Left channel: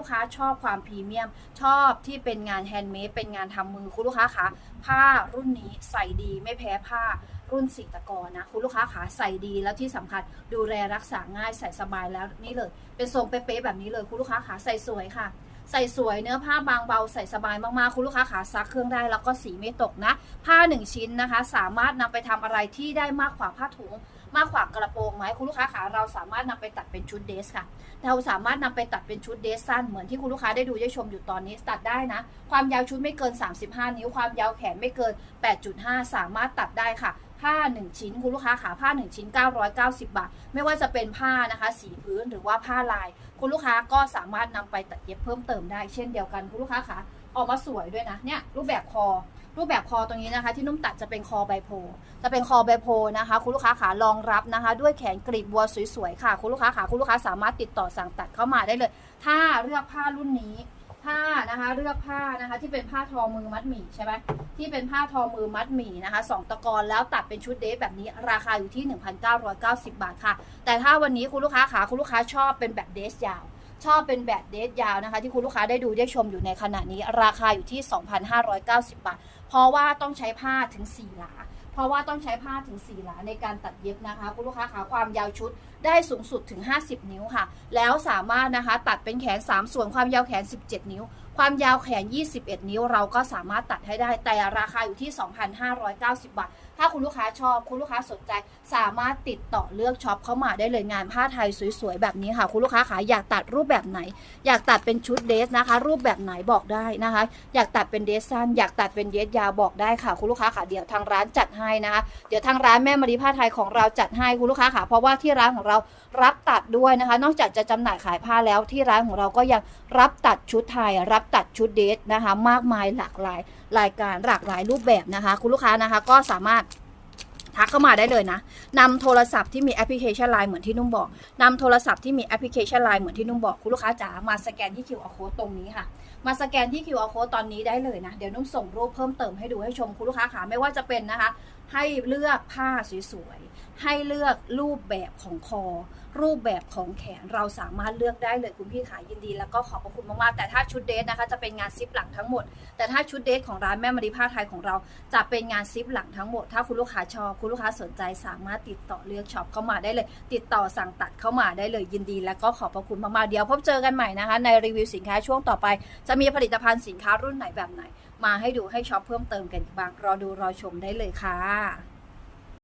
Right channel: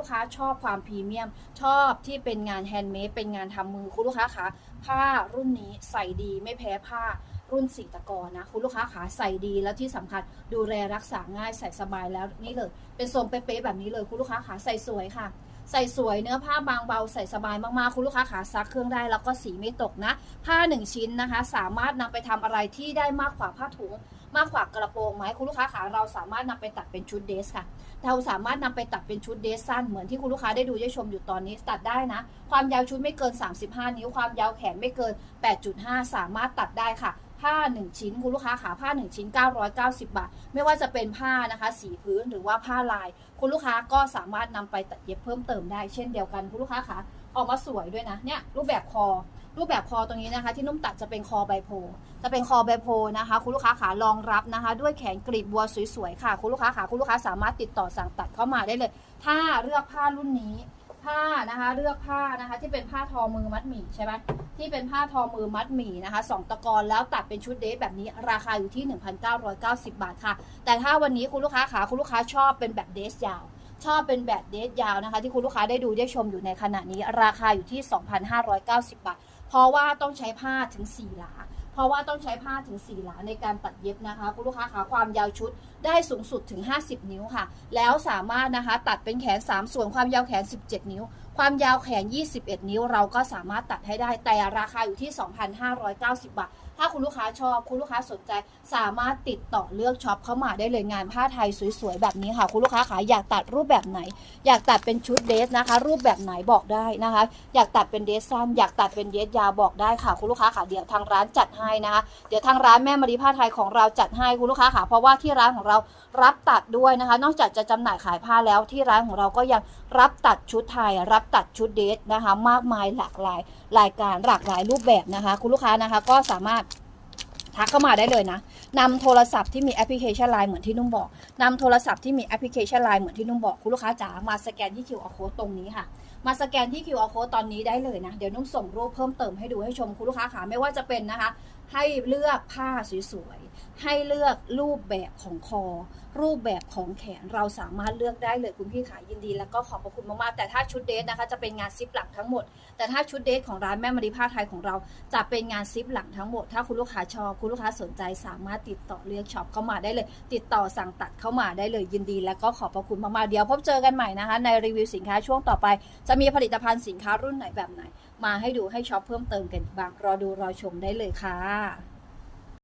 ลูกค้าชอบความพรีเมียม ชอบที่เป็นงานแฮนด์เมดเป็นงานทำมือคุณลูกค้าคะผ้ารุ่นนี้ใส่ดีไม่แพ้ผ้ารุ่นสีตะกอนะคุณลูกค้าขาใส่ดีแล้วที่สำคัญดูแลรักษาง่ายใส่สบายแล้วนี่เลย เป็นทรงเป๊ะๆแบบนี้เลยคุณลูกค้าขาใส่สวยค่ะ ใส่สวยเนื้อผ้าบางเบาใส่สบายมากๆ คุณลูกค้าขาซักเครื่องได้แล้วก็สีไม่ตกนะ ผ้าหนึ่งชิ้นนะคะ สามารถนำไปทำอะไรที่ได้มากกว่าผ้าถุง มากกว่ากระโปรงไหมคุณลูกค้าขาเราสามารถนำไปตัดเป็นชุดเดรสค่ะ เราสามารถนำไปตัดเป็นชุดเดรสสั้นเหมือนที่คุณลูกค้าได้ดูได้ชมอยู่ตอนนี้ตัดได้นะ ความยาวชุดไม่เกิน 35 นิ้วความยาวแขนไม่เกิน 8.5 สามารถตัดได้ค่ะ ผ้า 1 ชิ้นคุณลูกค้าขาผ้า 1 ชิ้น 990 บาท ไม่ว่าจะเป็นผ้านะคะสีพื้นหรือว่าผ้าลาย คุณลูกค้าก็สามารถนำไปตัดเย็บเพิ่มเติมได้เช่นเดียวกันคุณลูกค้าขาออกมาสวยด้วยนะเนี่ยรูปแบบคอ รูปแบบคอตรงนี้นะคะ ที่นุ่มตัดจะเป็นคอใบโพ จะเป็นคอใบโพนะคะ คุณลูกค้าขารองรับนะคะ ด้วยแขนกรีบบัวสวยๆค่ะ คุณลูกค้าขาคุณลูกค้าสามารถติดต่อสั่งตัดเข้ามาได้เลย ถ้าเลือกผ้ารุ่นนี้ ผ้านะคะ เลือกผ้านะคะ ที่เป็นผ้าทอมือมัดหมี่ใช่ไหมที่เป็นผ้าทอมือมัดหมี่นะคะสองตะกอนแล้วตัดเป็นชุดเดรสแบบนี้ราคาอยู่ที่ 1,990 บาทค่ะ แต่ถ้าวันนี้คุณลูกค้าขาคุณลูกค้าชอบเป็นแบบเดสยาวชอบเป็นแบบเดรสยาวนะคะ ที่คุณลูกค้าได้ดูได้ชมอยู่ในขณะนี้ ราคาอยู่ที่ 2,590 บาท เพราะว่าต้องใช้ผ้าถึง 4 หลา ราะว่าต้องใช้ผ้าถึง4หลาในการตัดเย็บนะคะ คุณลูกค้าขาความยาวชุดได้สูงสุดถึง 50 นิ้วค่ะ แล้วสามารถนะคะตัดเป็นแขน 3 ส่วนความยาวแขน 17 นิ้ว ความยาวแขน 21 นิ้ว เราก็สามารถตัดให้ได้แต่ราคาอยู่ที่ 2,590 บาท ถ้าคุณลูกค้าชอบ คุณลูกค้าสนใจ สามารถติดต่อเลือกช็อปเข้ามาได้เลยงานผ้าไทยสวยๆแบบนี้ค่ะ คุณลูกค้าขาอยากตัดรูปแบบไหน อยากตัดเป็นชุดเดรสนะคะ รูปแบบไหนบอกได้นะคะ อยากตัดเป็นเดรสสั้นอยากตัดเป็นเดรสยาวบอกได้ค่ะ คุณลูกค้าค่ะเดี๋ยวทางร้านจัดให้นะคะ เดี๋ยวทางร้านแม่มารีผ้าไทยของเราจัดให้คุณลูกค้าค่ะ เพราะว่าที่ร้านของเรารับตัดด้วยนะคะ นอกจากจะจำหน่ายขายผ้าแล้วที่ร้านของเราก็ยังรับตัดชุดไทย รับตัดชุดเดทนะคะ มากมายหลากหลายรายการหลากหลายรูปแบบนะคะ คุณลูกค้านะคะก็สามารถ ทักเข้ามาได้เลยนะนำโทรศัพท์ที่มีแอปพลิเคชันไลน์เหมือนที่นุ่มบอกนำโทรศัพท์ที่มีแอปพลิเคชันไลน์เหมือนที่นุ่มบอกคุณลูกค้าจ๋ามาสแกนที่ QR code ตรงนี้ค่ะ มาสแกนที่ QR code ตอนนี้ได้เลยนะ เดี๋ยวนุ่มส่งรูปเพิ่มเติมให้ดูให้ชมคุณลูกค้าขาไม่ว่าจะเป็นนะคะ ให้เลือกผ้าสวยๆให้เลือกรูปแบบของคอ รูปแบบของแขนเราสามารถเลือกได้เลยคุณพี่ขายยินดี แล้วก็ขอบพระคุณมากๆแต่ถ้าชุดเดทนะคะจะเป็นงานซิปหลังทั้งหมด แต่ถ้าชุดเดทของร้านแม่มารีผ้าไทยของเราจะเป็นงานซิปหลังทั้งหมด ถ้าคุณลูกค้าชอบคุณลูกค้าสนใจสามารถติดต่อเลือกช็อปเข้ามาได้เลย ติดต่อสั่งตัดเข้ามาได้เลยยินดี แล้วก็ขอบพระคุณมากๆเดี๋ยวพบเจอกันใหม่นะคะ ในรีวิวสินค้าช่วงต่อไป จะมีผลิตภัณฑ์สินค้ารุ่นไหนแบบไหน มาให้ดูให้ช็อปเพิ่มเติมกันอีกบ้างรอดูรอชมได้เลยค่ะ